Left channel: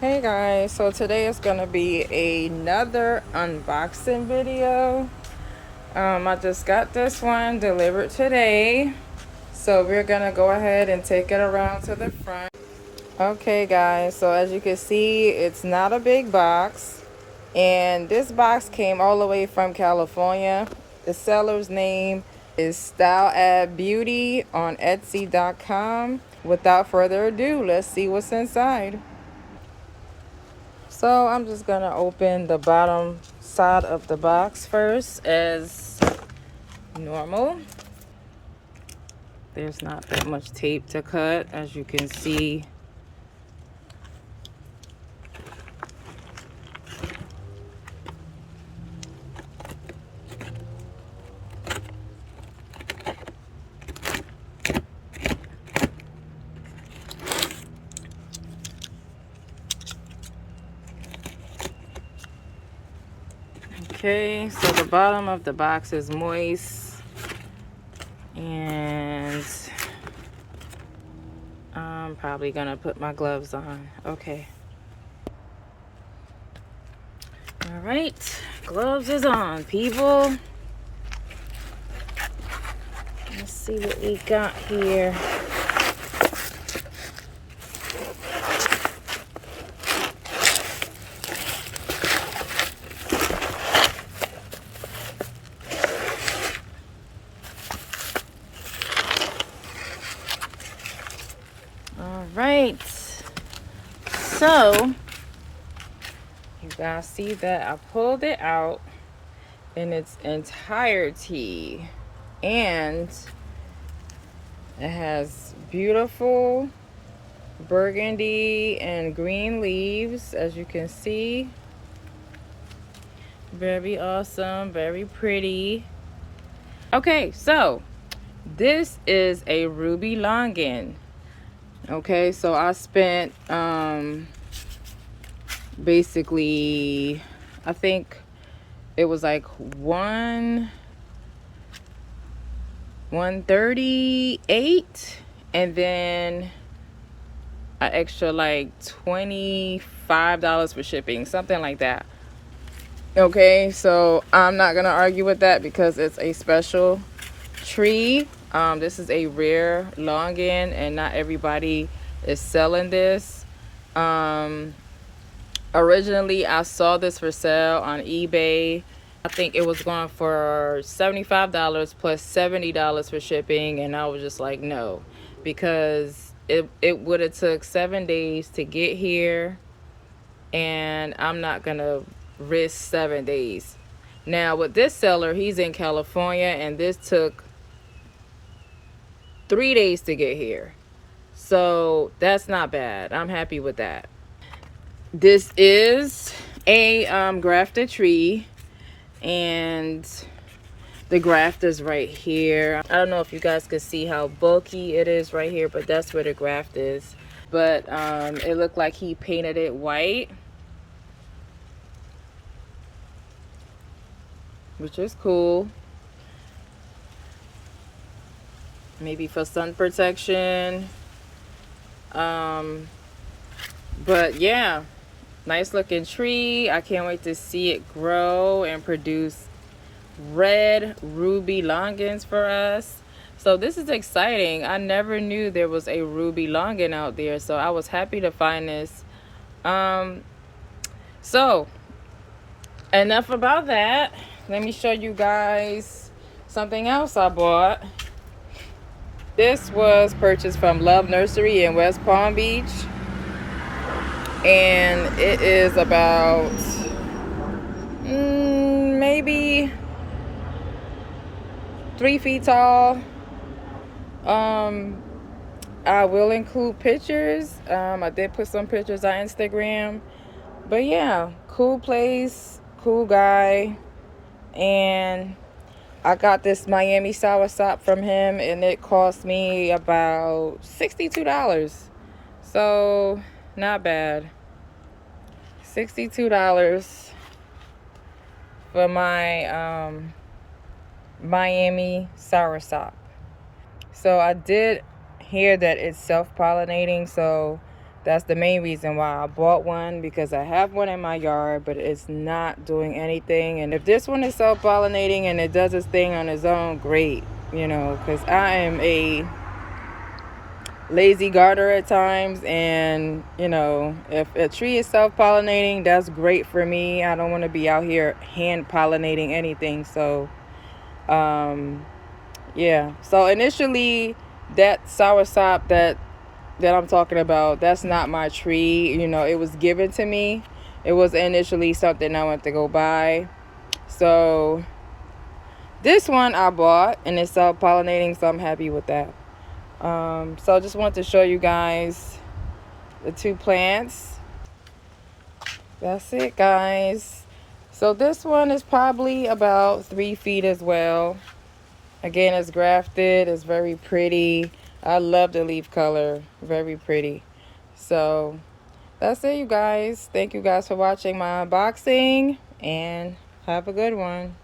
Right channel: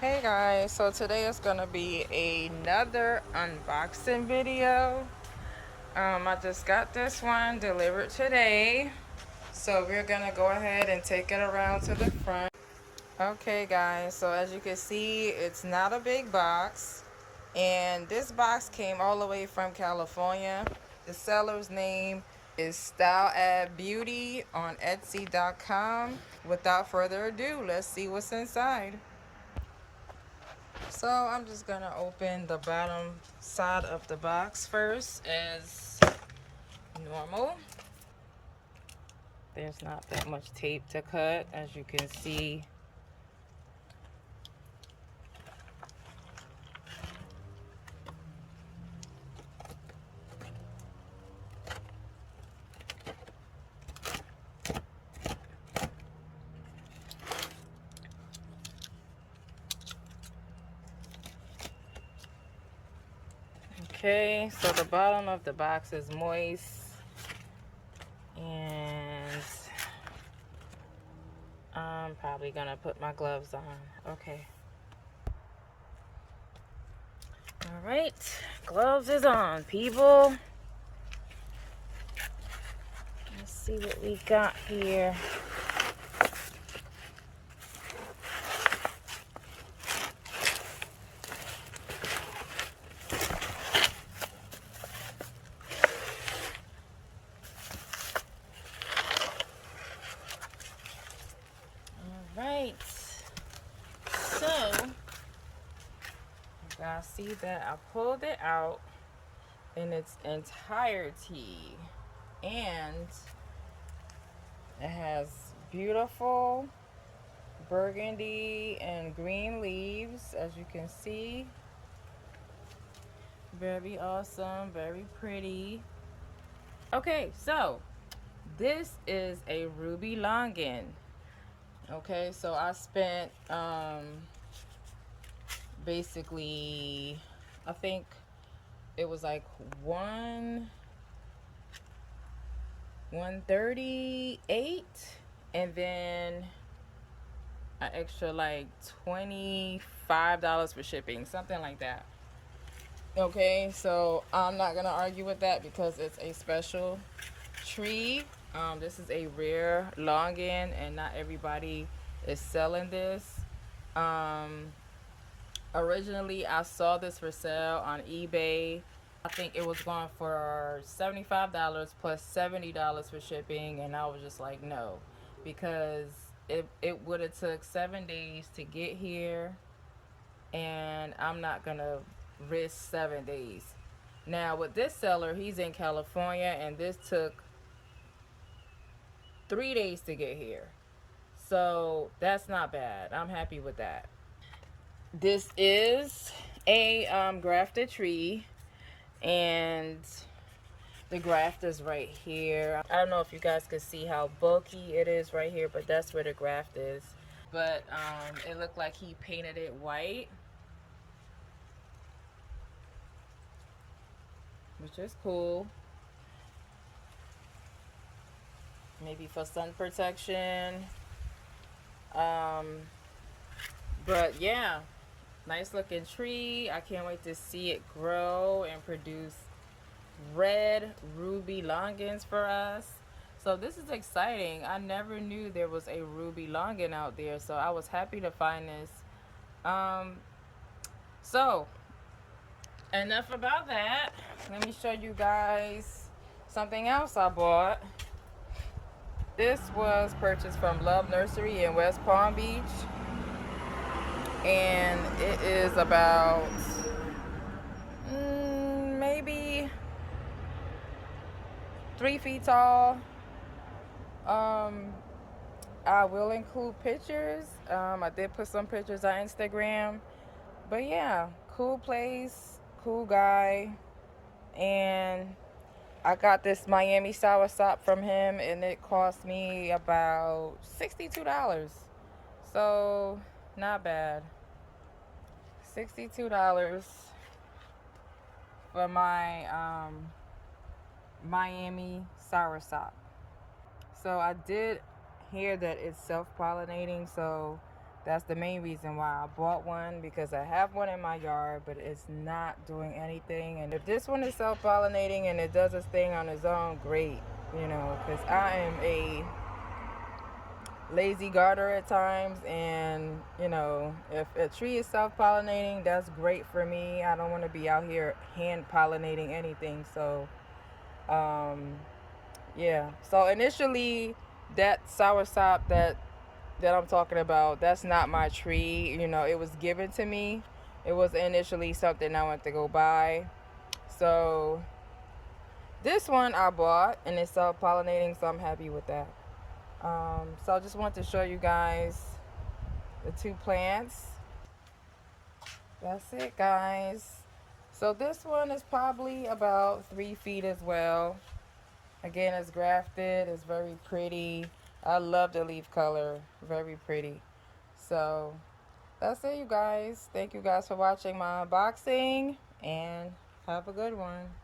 Hey guys, so today is gonna be another unboxing video. I just got this one delivered today, so we're gonna go ahead and take it around to the front. Okay guys, so as you can see, it's not a big box, and this box came all the way from California. The seller's name is Stylab Beauty on Etsy.com. Without further ado, let's see what's inside. So I'm just gonna open the bottom side of the box first as normal. There's not that much tape to cut, as you can see. Okay, so the bottom of the box is moist, and I'm probably gonna put my gloves on. Okay. All right, gloves is on, people. Let's see what we got here. All right, so you guys see that I pulled it out in its entirety, and it has beautiful burgundy and green leaves, as you can see. Very awesome, very pretty. Okay, so this is a ruby longan. Okay, so I spent basically, I think it was like 138, and then an extra like $25 for shipping, something like that. Okay, so I'm not gonna argue with that because it's a special tree. This is a rare longan, and not everybody is selling this. Originally I saw this for sale on eBay. I think it was going for $75 plus $70 for shipping, and I was just like, no, because it would have took 7 days to get here, and I'm not gonna risk 7 days. Now with this seller, he's in California, and this took 3 days to get here, so that's not bad. I'm happy with that. This is a grafted tree, and the graft is right here. I don't know if you guys can see how bulky it is right here, but that's where the graft is. But it looked like he painted it white, which is cool. Maybe for sun protection. But yeah, nice looking tree. I can't wait to see it grow and produce red ruby longans for us. So this is exciting. I never knew there was a ruby longan out there, so I was happy to find this. So enough about that. Let me show you guys something else I bought. This was purchased from Love Nursery in West Palm Beach, and it is about maybe 3 feet tall. I will include pictures. I did put some pictures on Instagram, but yeah, cool place, cool guy. And I got this Miami soursop from him, and it cost me about $62. So not bad. $62 for my Miami soursop. So I did hear that it's self-pollinating, so That's the main reason why I bought one, because I have one in my yard, but it's not doing anything. And if this one is self-pollinating and it does its thing on its own, great, you know, because I am a lazy gardener at times, and you know, if a tree is self-pollinating, that's great for me. I don't want to be out here hand pollinating anything. So yeah, so initially that soursop that I'm talking about, that's not my tree. You know, it was given to me. It was initially something I went to go buy. So this one I bought and it's self-pollinating, so I'm happy with that. So I just want to show you guys the two plants. That's it, guys. So this one is probably about 3 feet as well. Again, it's grafted. It's very pretty. I love the leaf color. Very pretty. So that's it, you guys. Thank you guys for watching my unboxing, and have a good one.